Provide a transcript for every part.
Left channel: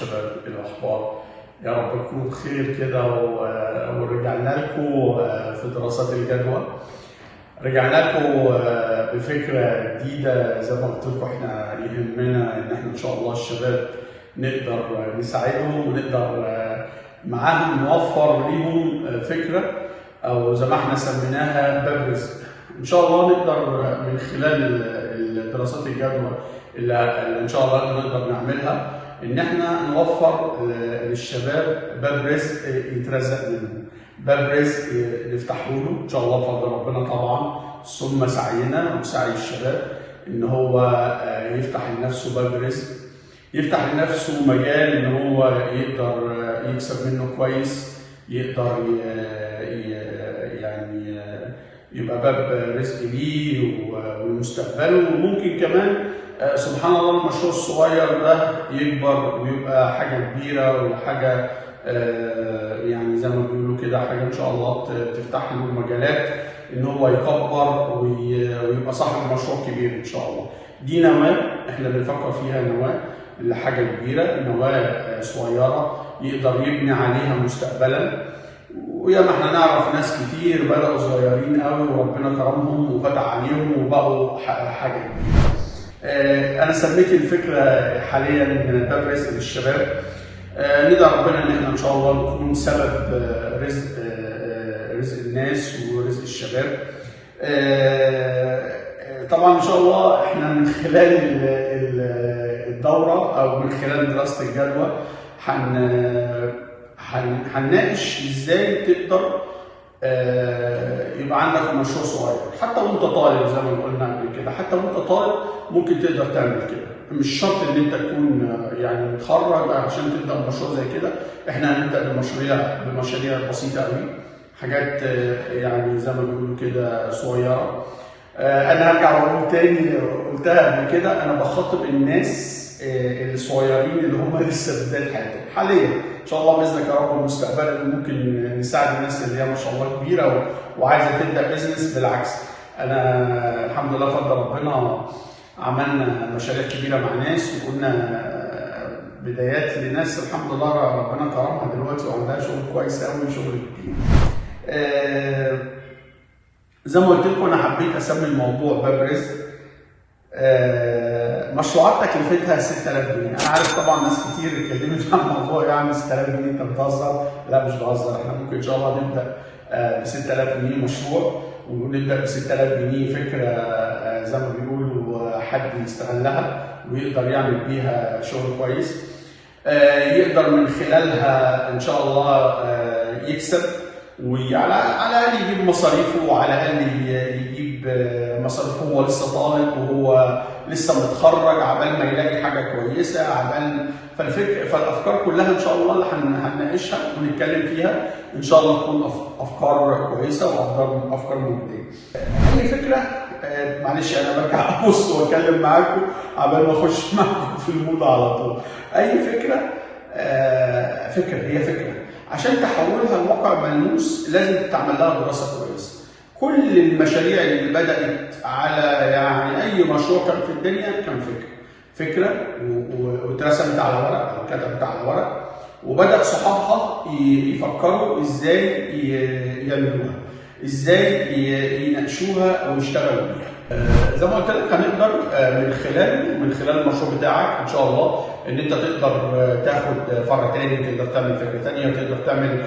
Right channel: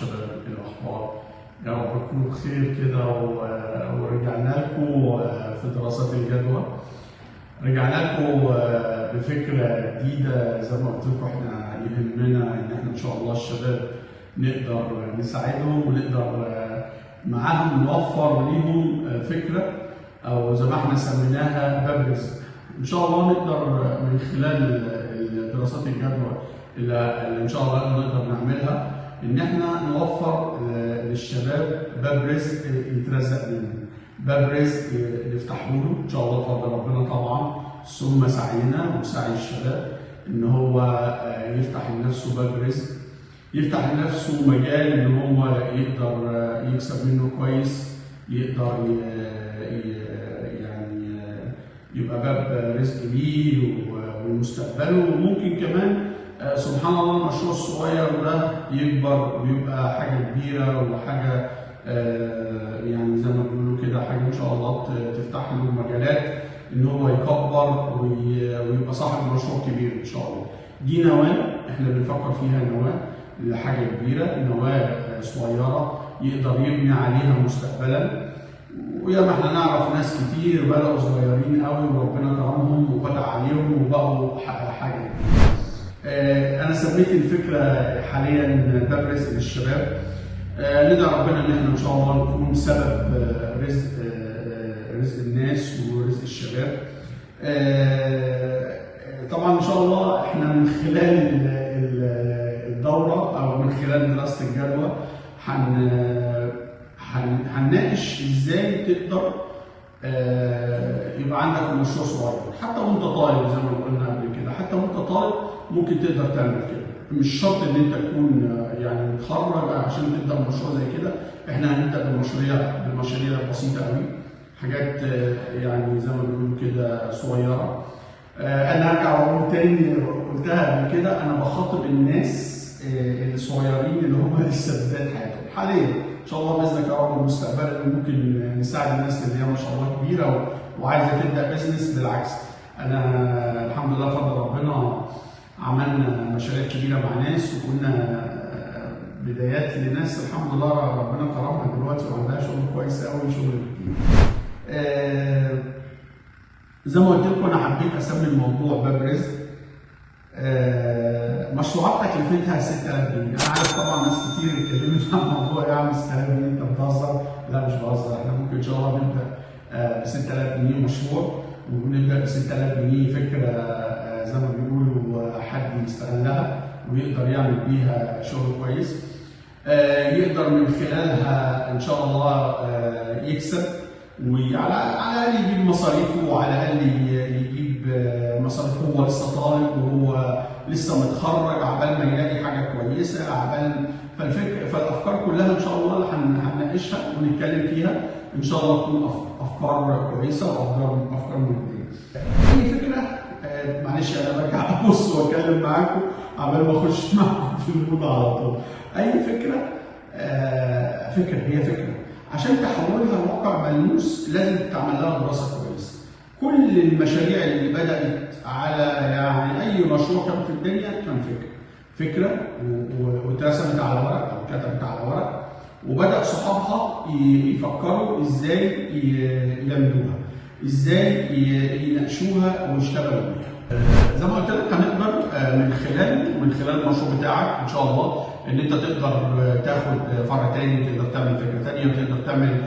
شباب، الاخبار؟ يا رب تكونوا بخير كده. ورجعنا لكم في دراسات الجدوى. رجعنا لكم بفكره جديده. زي ما قلت لكم احنا يهمنا ان احنا ان شاء الله الشباب نقدر نساعدهم ونقدر معاهم نوفر ليهم فكره، او زي ما احنا سميناها باب رزق. ان شاء الله نقدر من خلال دراسات الجدوى اللي ان شاء الله نقدر نعملها ان احنا نوفر للشباب باب رزق يترزق منه، باب رزق نفتحه له ان شاء الله بفضل ربنا طبعا، ثم سعينا وسعي الشباب ان هو يفتح لنفسه باب رزق، يفتح لنفسه مجال ان هو يقدر يكسب منه كويس، يقدر يعني يبقى باب رزق ليه ولمستقبله. وممكن كمان سبحان الله المشروع الصغير ده يكبر ويبقى حاجه كبيره وحاجه يعني زي ما بيقولوا كده حاجه ان شاء الله تفتح له مجالات ان هو يكبر ويبقى صاحب مشروع كبير ان شاء الله. دي نواه احنا بنفكر فيها، نواه لحاجه كبيره، نواه صغيره يقدر يبني عليها مستقبلا. ويا ما احنا نعرف ناس كتير بدأوا صغيرين قوي وربنا كرمهم وفتح عليهم وبقوا حاجه كبيره. انا سميت الفكره حاليا باب رزق للشباب. ندعي ربنا ان احنا ان شاء الله نكون سبب رزق الناس ورزق الشباب. طبعا ان شاء الله احنا من خلال الدوره او من خلال دراسه الجدوى هنناقش ازاي تقدر يبقى عندك مشروع صغير حتى وانت طالب. زي ما قلنا قبل كده حتى وانت طالب ممكن تقدر تعمل كده، مش شرط ان انت تكون يعني متخرج عشان تبدا مشروع زي كده. احنا هنبدا بمشاريع بسيطه قوي، حاجات يعني زي ما بيقولوا كده صغيره. انا هرجع واقول تاني، قلتها قبل كده، انا بخاطب الناس الصغيرين اللي هم لسه بدايه حياتهم حاليا. ان شاء الله باذنك يا رب المستقبل ممكن نساعد الناس اللي هي ما شاء الله كبيره وعايزه تبدا بيزنس. بالعكس انا الحمد لله بفضل ربنا عملنا مشاريع كبيره مع ناس وكنا بدايات لناس الحمد لله ربنا كرمها دلوقتي وعندها شغل كويس قوي، شغل كبير. زي ما قلت لكم انا حبيت اسمي الموضوع باب رزق. مشروعات تكلفتها 6000 جنيه. انا عارف طبعا ناس كتير اتكلمت عن الموضوع يعني 6000 جنيه انت بتهزر. لا مش بهزر، احنا ممكن ان شاء الله نبدا ب 6000 جنيه مشروع، ونبدا ب 6000 جنيه فكره زي ما بيقولوا حد يستغلها ويقدر يعمل بيها شغل كويس، يقدر من خلالها ان شاء الله يكسب، وعلى الاقل يجيب مصاريفه، وعلى الاقل يجيب مصاريفه وهو لسه طالب وهو لسه متخرج، عبال ما يلاقي حاجه كويسه، عبال فالافكار كلها ان شاء الله اللي هنناقشها ونتكلم فيها ان شاء الله تكون افكار كويسه وافكار مجديه. اي فكره معلش انا برجع ابص واتكلم معاكم عبال ما اخش معاكم في الموضوع على طول. اي فكره هي فكره عشان تحولها لواقع ملموس لازم تعمل لها دراسه كويسه. كل المشاريع اللي بدات على يعني اي مشروع كان في الدنيا كان فكره واترسمت على ورق او اتكتبت على ورق، وبدا صحابها يفكروا ازاي يعملوها، ازاي يناقشوها ويشتغلوا بيها. زي ما قلت لك هنقدر من خلال المشروع بتاعك ان شاء الله ان انت تقدر تاخد فرع تاني، تقدر تعمل فكره تانيه، تقدر تعمل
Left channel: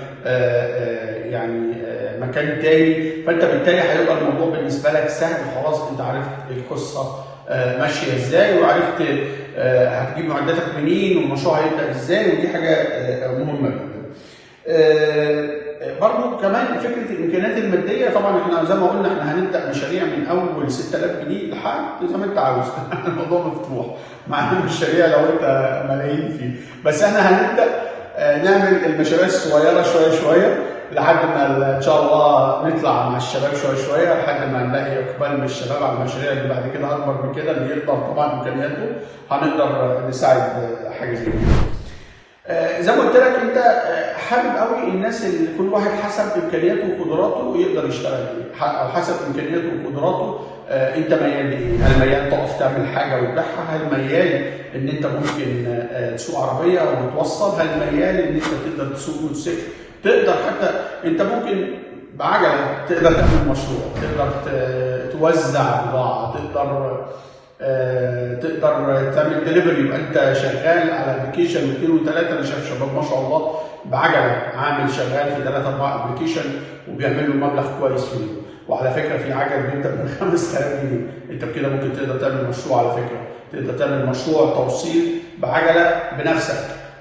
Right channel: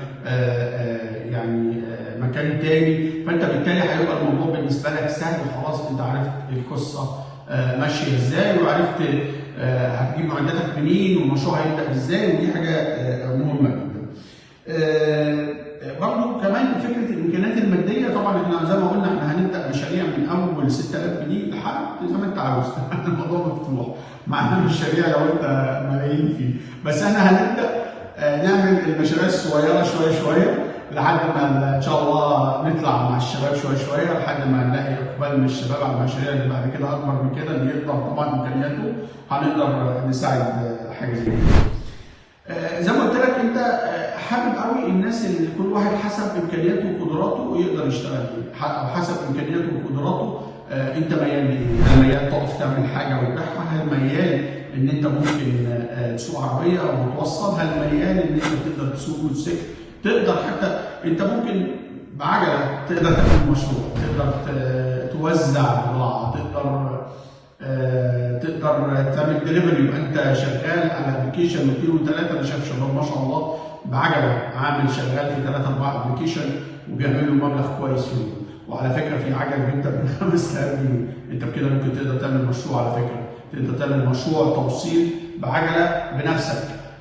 يعني مكان تاني. فانت بالتالي هيبقى الموضوع بالنسبه لك سهل، خلاص انت عرفت القصه ماشيه ازاي، وعرفت هتجيب معداتك منين والمشروع هيبدا ازاي، ودي حاجه مهمه جدا. برضو كمان فكره الامكانيات الماديه. طبعا احنا زي ما قلنا احنا هنبدا مشاريع من اول 6000 جنيه لحد زي ما انت عاوز. الموضوع مفتوح، معانا مشاريع لو انت ملايين فيه، بس احنا هنبدا نعمل المشاريع الصغيره شويه لحد ما ان شاء الله نطلع مع الشباب شويه لحد ما نلاقي اقبال من الشباب على المشاريع اللي بعد كده اكبر من كده، اللي يقدر طبعا امكانياته هنقدر نساعد حاجه زي كده. زي ما قلت لك انت حابب قوي الناس اللي كل واحد حسب امكانياته وقدراته يقدر يشتغل ايه، او حسب امكانياته وقدراته انت ميال لايه؟ هل ميال تقف تعمل حاجه وتبيعها؟ هل ميال ان انت ممكن تسوق عربيه وتوصل؟ هل ميال ان انت تقدر تسوق موتوسيكل؟ تقدر حتى انت ممكن بعجله تقدر تعمل مشروع، تقدر توزع بضاعه، تقدر تعمل دليفري، يبقى انت شغال على ابلكيشن واثنين وثلاثه. انا شايف شباب ما شاء الله بعجله عامل شغال في 3 4 ابلكيشن وبيعمل له مبلغ كويس في اليوم. وعلى فكره في عجل بيبدا من 5000 جنيه، انت بكده ممكن تقدر تعمل مشروع. على فكره تقدر تعمل مشروع توصيل بعجله بنفسك،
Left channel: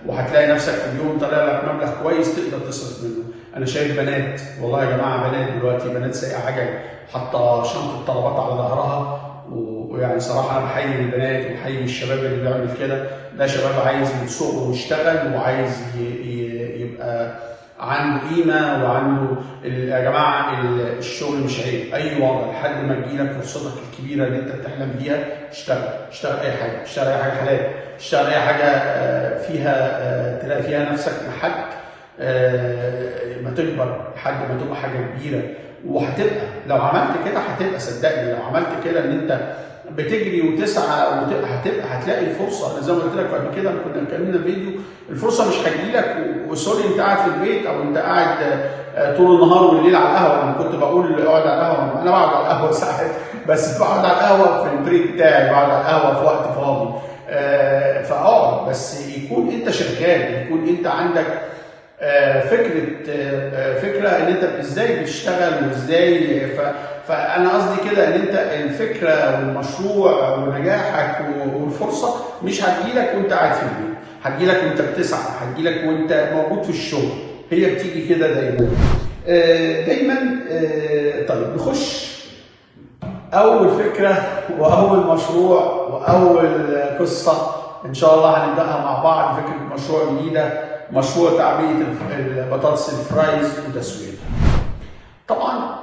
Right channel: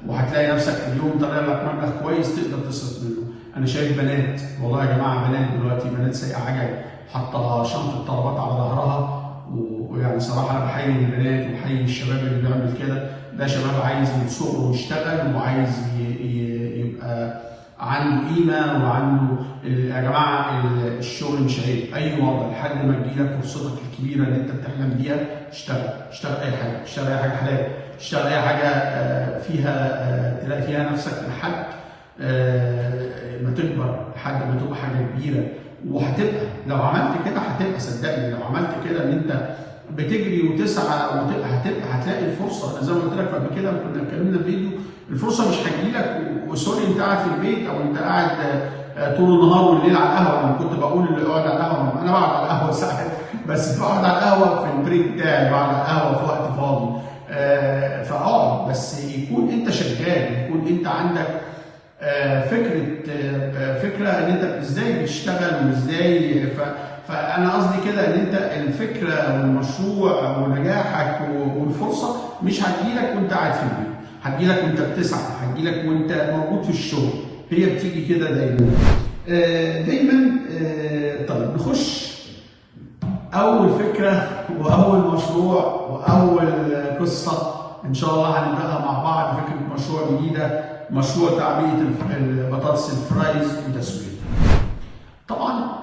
وهتلاقي نفسك في اليوم طالع لك مبلغ كويس تقدر تصرف منه. انا شايف بنات، والله يا جماعه بنات دلوقتي، بنات سايقه عجل حاطه شنطه طلبات على ظهرها، ويعني صراحه انا بحيي البنات وبحيي الشباب اللي بيعمل كده. ده شباب عايز يسوق ويشتغل وعايز يبقى عنده قيمه وعنده. يا جماعه الشغل مش عيب، اي وضع لحد ما تجيلك فرصتك الكبيره اللي انت بتحلم بيها اشتغل. اشتغل اي حاجه، اشتغل اي حاجه حلال، اشتغل اي حاجه فيها تلاقي فيها نفسك لحد ما تكبر، لحد ما تبقى حاجه كبيره. وهتبقى لو عملت كده هتبقى، صدقني لو عملت كده ان انت بتجري وتسعى هتلاقي الفرصه. انا زي ما قلت لك قبل كده كنا اتكلمنا في فيديو، الفرصه مش هتجيلك وسوري انت قاعد في البيت او انت قاعد طول النهار والليل على القهوه. لما كنت بقول اقعد على القهوه، انا بقعد على القهوه ساعات، بس بقعد على القهوه في البريك بتاعي، بقعد على القهوه في وقت فاضي. فاقعد، بس يكون انت شغال، يكون انت عندك فكره ان انت ازاي بتشتغل وازاي. فانا قصدي كده ان انت الفكره والمشروع ونجاحك والفرصه مش هتجيلك وانت قاعد في البيت، هتجيلك وانت بتسعى، هتجيلك وانت موجود في الشغل. هي بتيجي كده دايما دايما. طيب نخش اول فكره واول مشروع واول قصه ان شاء الله هنبداها مع بعض. فكره مشروع جديده، مشروع تعبئه البطاطس الفرايز وتسويتها. طبعا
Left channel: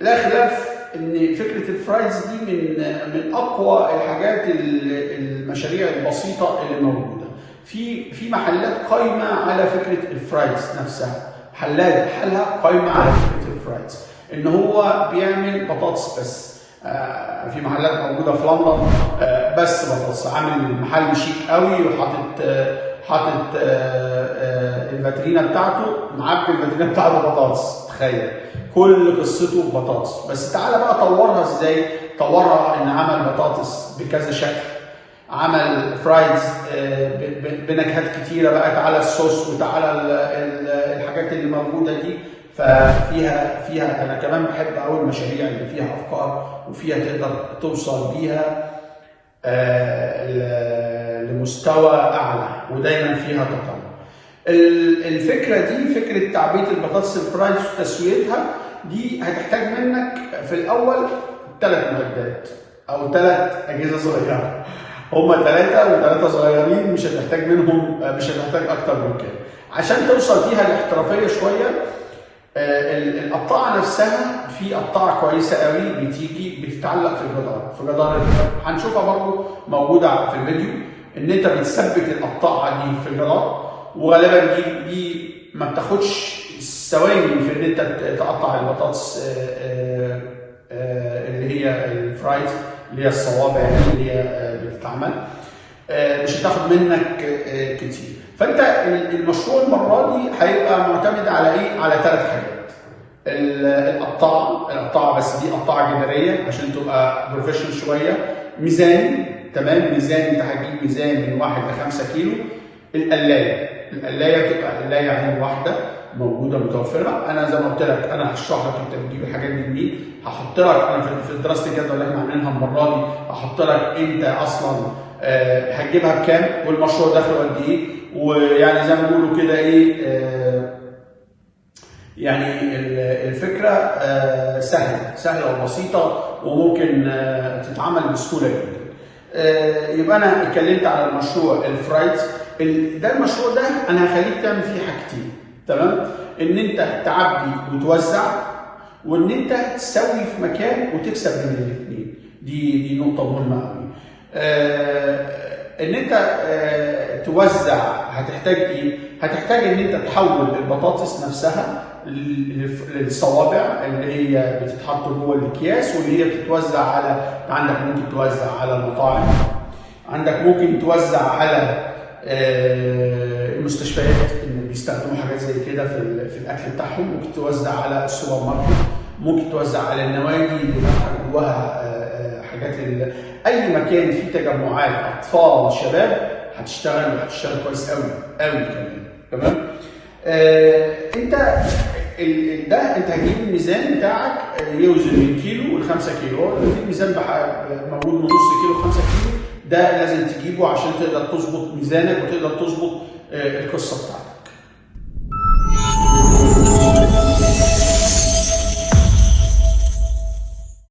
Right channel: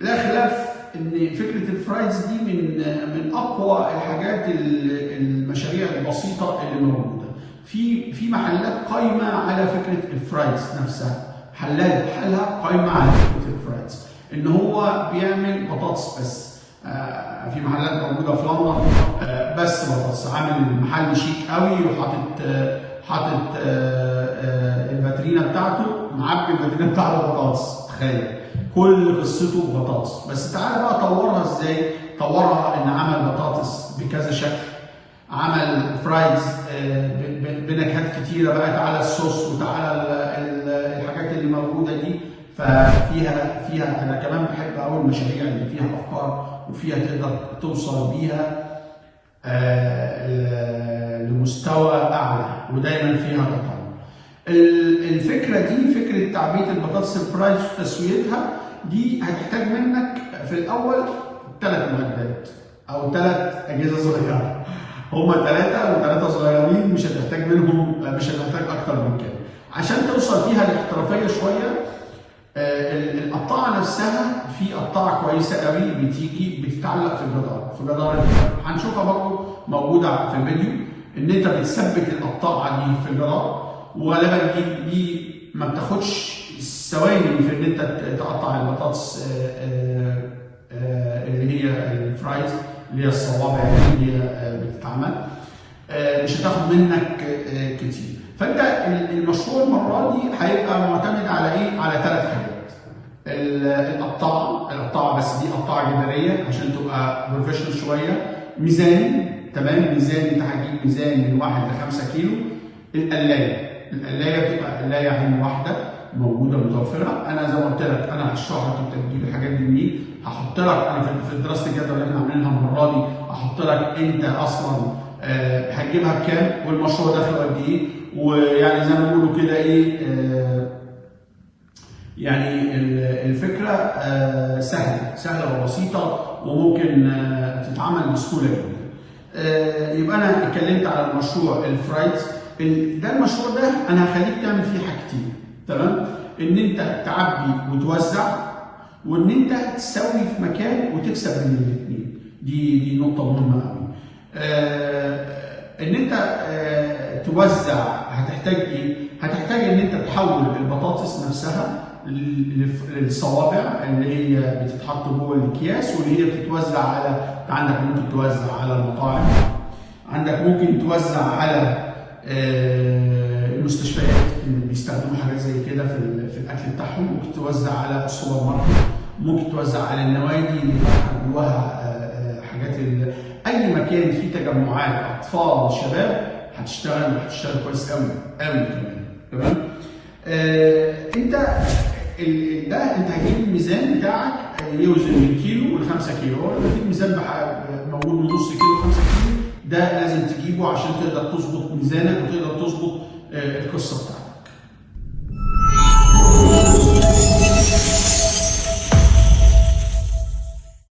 لا خلاف ان فكره الفرايز دي من اقوى الحاجات، المشاريع البسيطه اللي موجوده في محلات قايمه على فكره الفرايز نفسها. محلات بحالها قايمه على فكره الفرايز، ان هو بيعمل بطاطس بس. في محلات موجوده في لندن بس بطاطس، عامل محل شيك قوي وحاطط الفاترينا بتاعته، معبي الفاترينا بتاعته بطاطس. تخيل كل قصته بطاطس. بس تعالى بقى طورها ازاي؟ طورها ان عمل بطاطس بكذا شكل، عمل فرايز بنكهات كتيره بقى. تعالى الصوص وتعالى الحاجات اللي موجوده دي. فيها انا كمان بحب قوي المشاريع اللي فيها افكار وفيها تقدر توصل بيها لمستوى اعلى، ودايما فيها تقدم. الفكره دي، فكره تعبئه البطاطس الفرايز وتسويتها دي، هتحتاج منك في الاول 3 معدات او 3 اجهزه صغيره. هما 3 صغيرين، مش هتحتاج منهم، مش هتحتاج اكتر من كده عشان توصل فيها لاحترافيه شويه. القطاعه نفسها في قطاعه كويسه قوي بتيجي بتتعلق في جدار هنشوفها برضو موجوده في الفيديو، ان انت بتثبت القطاعه دي في الجدار. وغالبا دي ما بتاخدش ثواني في ان انت تقطع البطاطس اللي هي الفرايز، اللي هي الصوابع اللي هي بتتعمل. مش هتاخد منك كتير. فانت المشروع المره دي هيبقى معتمد على ايه؟ على 3 حاجات. القطاعه بس دي قطاعه جداريه عشان تبقى بروفيشنال شويه. ميزان، تمام، ميزان انت هتجيب ميزان من 1 ل 5 كيلو. القلايه بتبقى قلايه عين واحده موجوده متوفره. انا زي ما قلت لك انا هشرح لك انت بتجيب الحاجات دي منين. هحط لك انا في دراسه الجدوى اللي احنا عاملينها المره دي، هحط لك انت اصلا هتجيبها بكام والمشروع داخله قد ايه. ويعني زي ما بيقولوا كده ايه، يعني الفكره سهله وبسيطه وممكن تتعمل بسهوله جدا. يبقى انا اتكلمت على المشروع الفرايز. ده المشروع ده انا هخليك تعمل فيه حاجتين، تمام؟ ان انت تعبي وتوزع، وان انت تسوي في مكان وتكسب من الاثنين. دي نقطه مهمه قوي. ان انت توزع. هتحتاج ايه؟ هتحتاج ان انت تحول البطاطس نفسها للصوابع اللي هي بتتحط جوه الاكياس، واللي هي بتتوزع على، عندك ممكن توزع على المطاعم، عندك ممكن توزع على المستشفيات اللي بيستخدموا حاجات زي كده في الاكل بتاعهم، ممكن توزع على السوبر ماركت، ممكن توزع على النوادي اللي فاتحه جواها حاجات اي مكان فيه تجمعات اطفال شباب هتشتغل، وهتشتغل كويس قوي قوي كمان. تمام؟ انت انت هتجيب الميزان بتاعك يوزن من كيلو ل 5 كيلو، الميزان موجود من نص كيلو ل 5 كيلو، ده لازم تجيبه عشان تقدر تظبط ميزانك وتقدر تظبط القصه بتاعتك.